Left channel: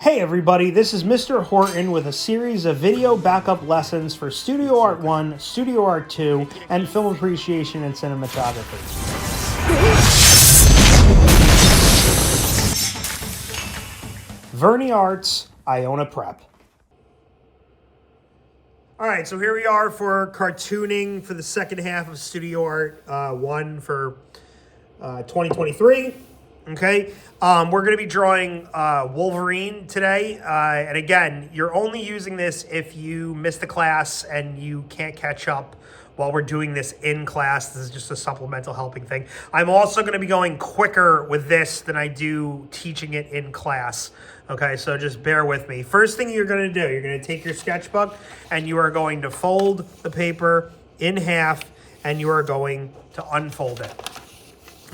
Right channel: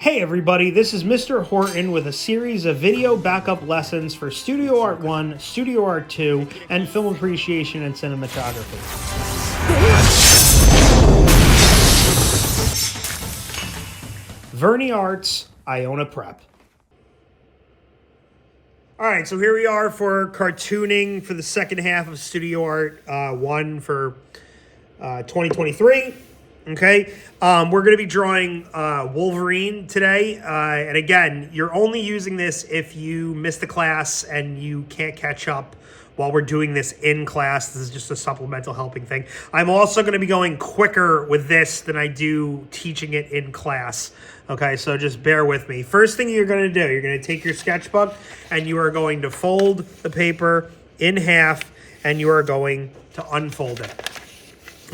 Hey everybody, this is Mr. Horton with a series of video backup lessons for Studio Art 1, Studio Art 2, and film appreciation and cinematography. Verni Arts, Iona Prep. Alright, so here we are for cartooning for the second half of Studio Art 1 for 2023. Okay, we're going to be drawing Wolverine today, and again, you're only using this if you missed the class and you can't catch up while we're doing this in class. This is just a supplemental helping thing. I'm also going to be going quicker with this than I do teaching it in class. Okay, so just bear with me. First thing you're going to do, you're going to take your sketchbook and you are going to fold the paper in half and you are going to unfold it.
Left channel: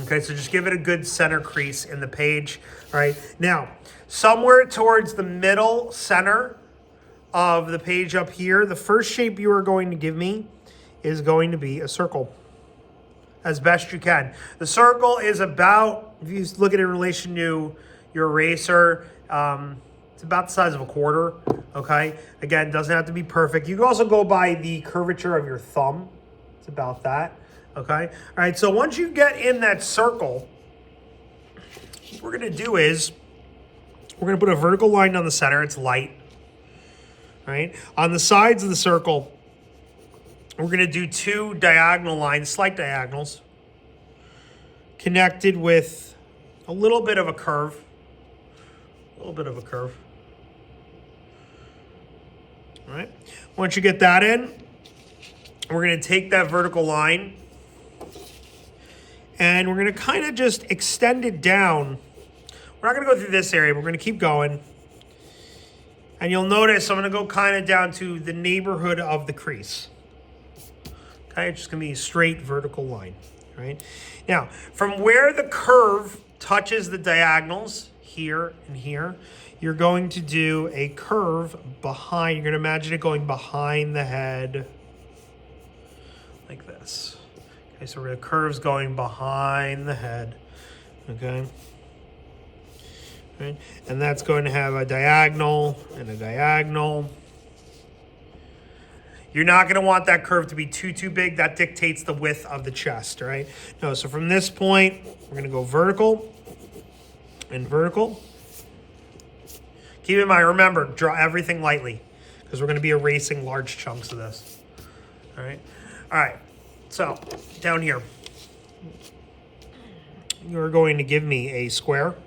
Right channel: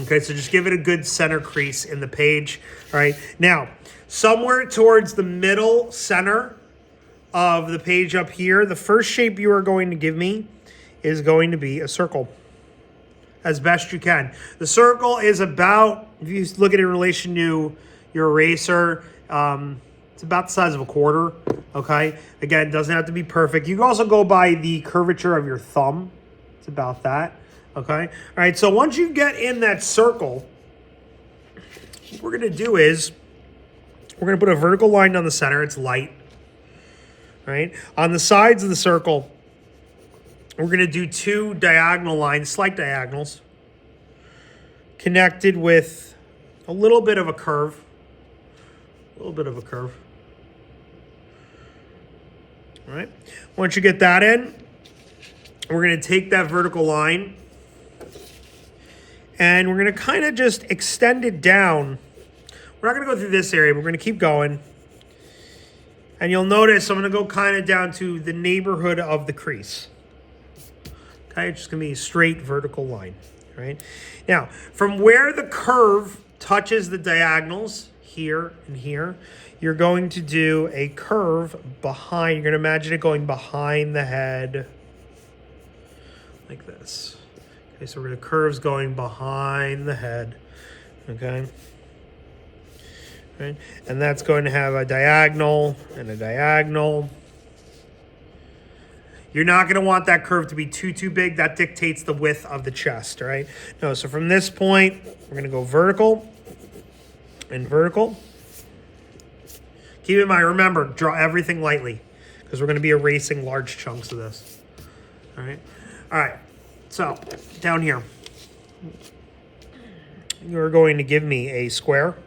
Okay, so just give it a good center crease in the page. All right, now, somewhere towards the middle center of the page up here, the first shape you are going to give me is going to be a circle, as best you can. The circle is about, if you look at it in relation to your eraser, it's about the size of a quarter, okay? Again, doesn't have to be perfect. You can also go by the curvature of your thumb. It's about that. Okay, all right, so once you get in that circle, what we're gonna do is, we're gonna put a vertical line down the center, it's light, right? On the sides of the circle, we're gonna do two diagonal lines, slight diagonals, connected with a little bit of a curve, all right? Once you get that in, we're gonna take that vertical line and we're going to kind of just extend it down. We're not going to go through this area, but we're going to keep going. And you'll notice I'm going to go kind of down to the neighborhood of the crease. Okay, it's just going to be a straight vertical line, right? Now, from where the curve touches the diagonals, here and here, you're going to do a curve behind. You're going to imagine it going behind the head like this. Okay, so the curve's going behind the head, okay? Right? And that's going to have a diagonal and a diagonal. You're not going to want that curve to be too big. That dictates the width of the chest, right? No, so from this point, we're going to go vertical and vertical. Keep in mind, remember, draw everything lightly because we're going to be erasing large chunks of this, all right? All right. So, down here, you're going to give me a square.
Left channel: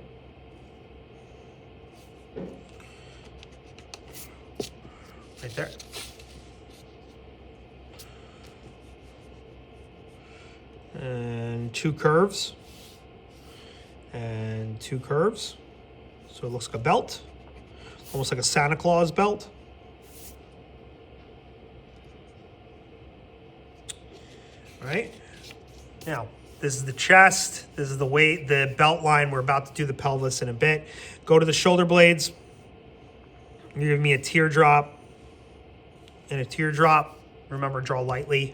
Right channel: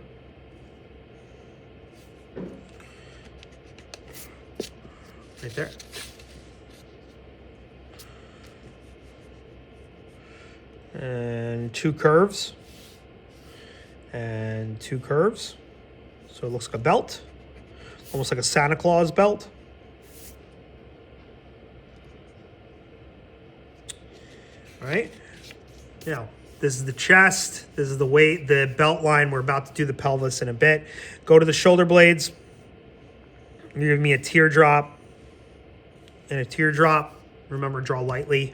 Right there. And two curves. And two curves. So it looks like a belt. Almost like a Santa Claus belt. All right, now this is the chest, this is the weight, the belt line. We're about to do the pelvis in a bit. Go to the shoulder blades. You're giving me a teardrop and a teardrop. Remember, draw lightly.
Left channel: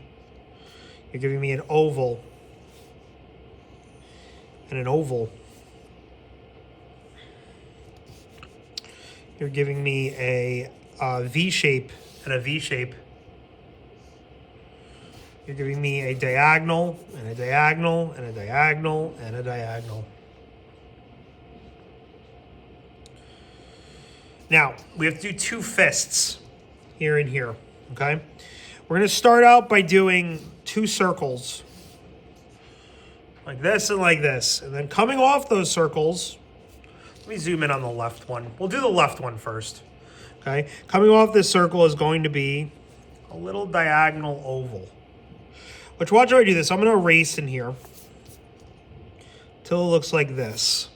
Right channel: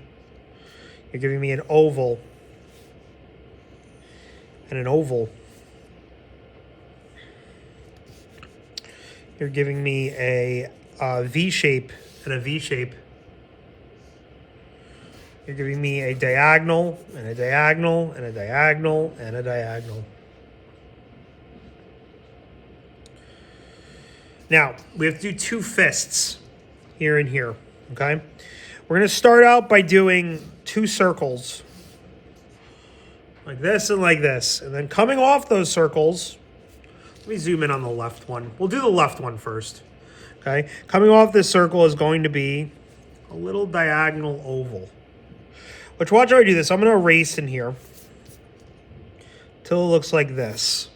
You're giving me an oval and an oval. You're giving me a V shape and a V shape. You're giving me a diagonal, and a diagonal, and a diagonal, and a diagonal. Now, we have to do two fists here and here, okay? We're going to start out by doing two circles, like this and like this. And then coming off those circles, let me zoom in on the left one. We'll do the left one first, okay? Coming off this circle is going to be a little diagonal oval. But watch how I do this. I'm going to erase in here till it looks like this.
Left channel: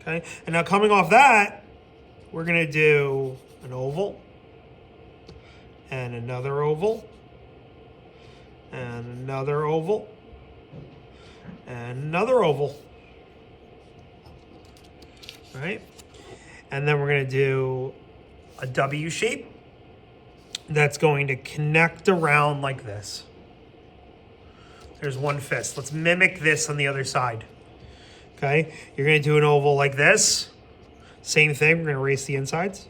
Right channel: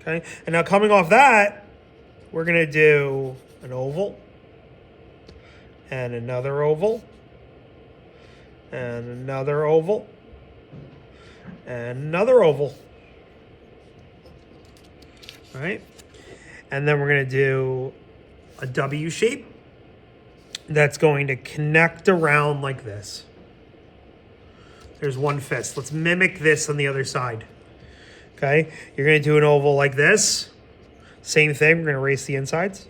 Okay, and now coming off that, we're going to do an oval and another oval and another oval and another oval. All right, and then we're going to do a W shape. That's going to connect around like this. There's one fist. Let's mimic this on the other side. Okay, you're going to do an oval like this. Same thing, we're going to erase the insides.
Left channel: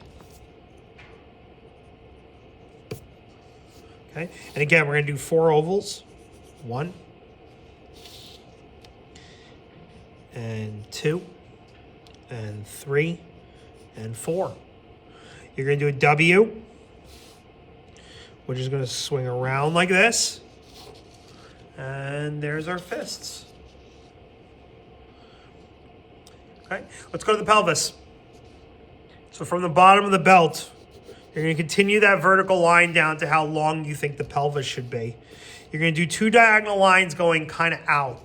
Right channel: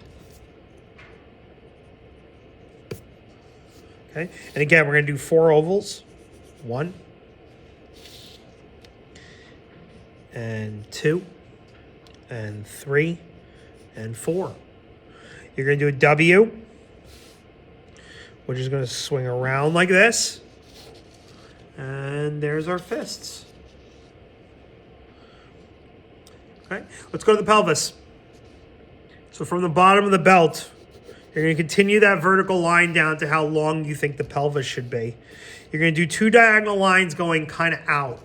Okay, and again, we're going to do 4 ovals. 1, and 2, and 3, and 4. You're going to do a W, which is going to swing around like this. And there's our fists. Okay, let's go to the pelvis. So from the bottom of the belt, you're going to continue that vertical line down to how long you think the pelvis should be. You're going to do 2 diagonal lines going kind of out.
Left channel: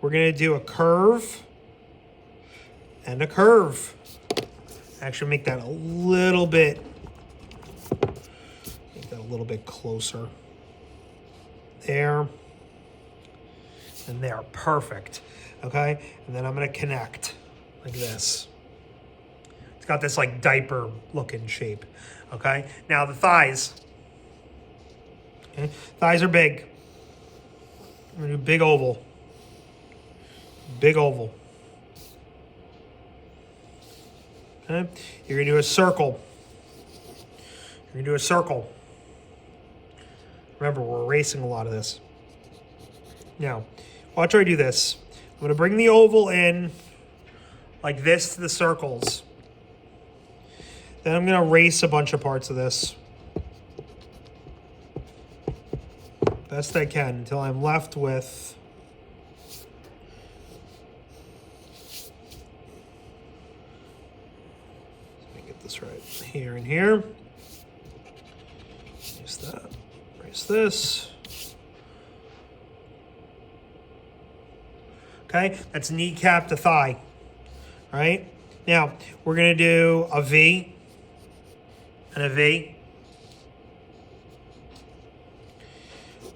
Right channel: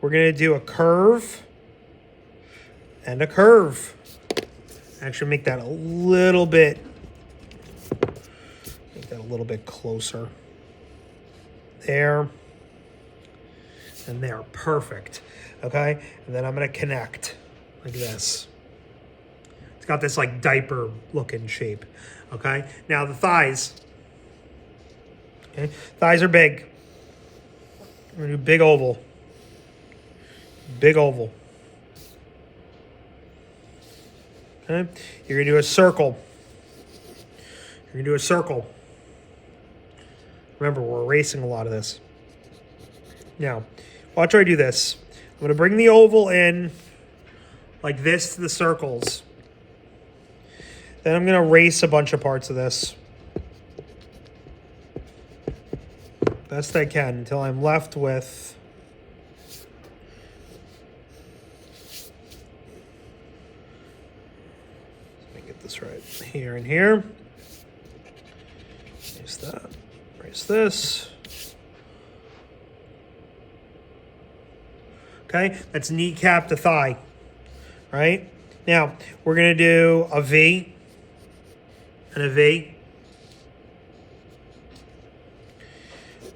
We're going to do a curve and a curve. Actually make that a little bit closer. There and there. Perfect. Okay, and then I'm going to connect like this. It's got this like diaper looking shape. Okay, now the thighs. Okay, thighs are big. I'm going to do big oval. Big oval. Okay, you're going to do a circle. You're going to do a circle. Remember, we're erasing a lot of this. Now, watch I do this. I'm going to bring the oval in like this to the circles. Then I'm going to erase a bunch of parts of this. Best I can until I'm left with let me get this right here and here. Erase that. Erase this. Okay, that's kneecap to thigh. Right? Now, we're going to do a V and a V,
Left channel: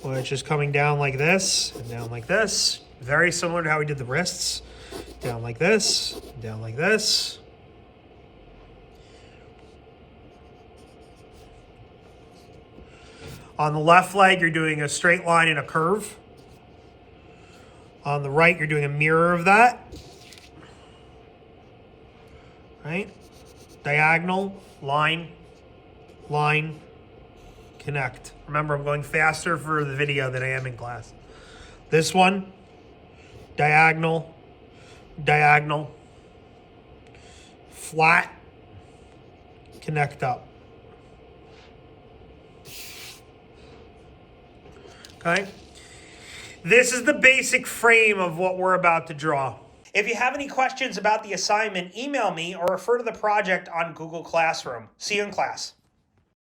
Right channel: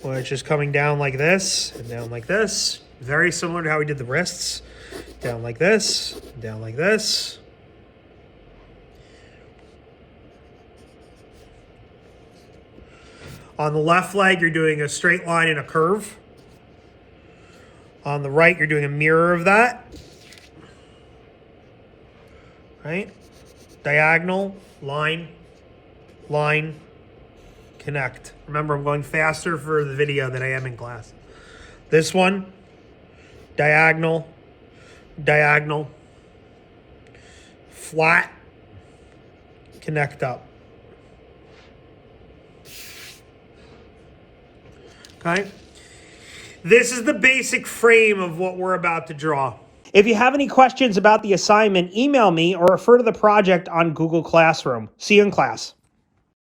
which is coming down like this and down like this. Very similar to how we did the wrists. Down like this, down like this. On the left leg, you're doing a straight line and a curve. On the right, you're doing a mirror of that. Right? Diagonal, line, line, connect. Remember, I'm going faster for the video than I am in class. This one, diagonal, diagonal, flat, connect up. Okay? This is the basic frame of what we're about to draw. If you have any questions about the assignment, email me or refer to the project on Google Classroom. See you in class.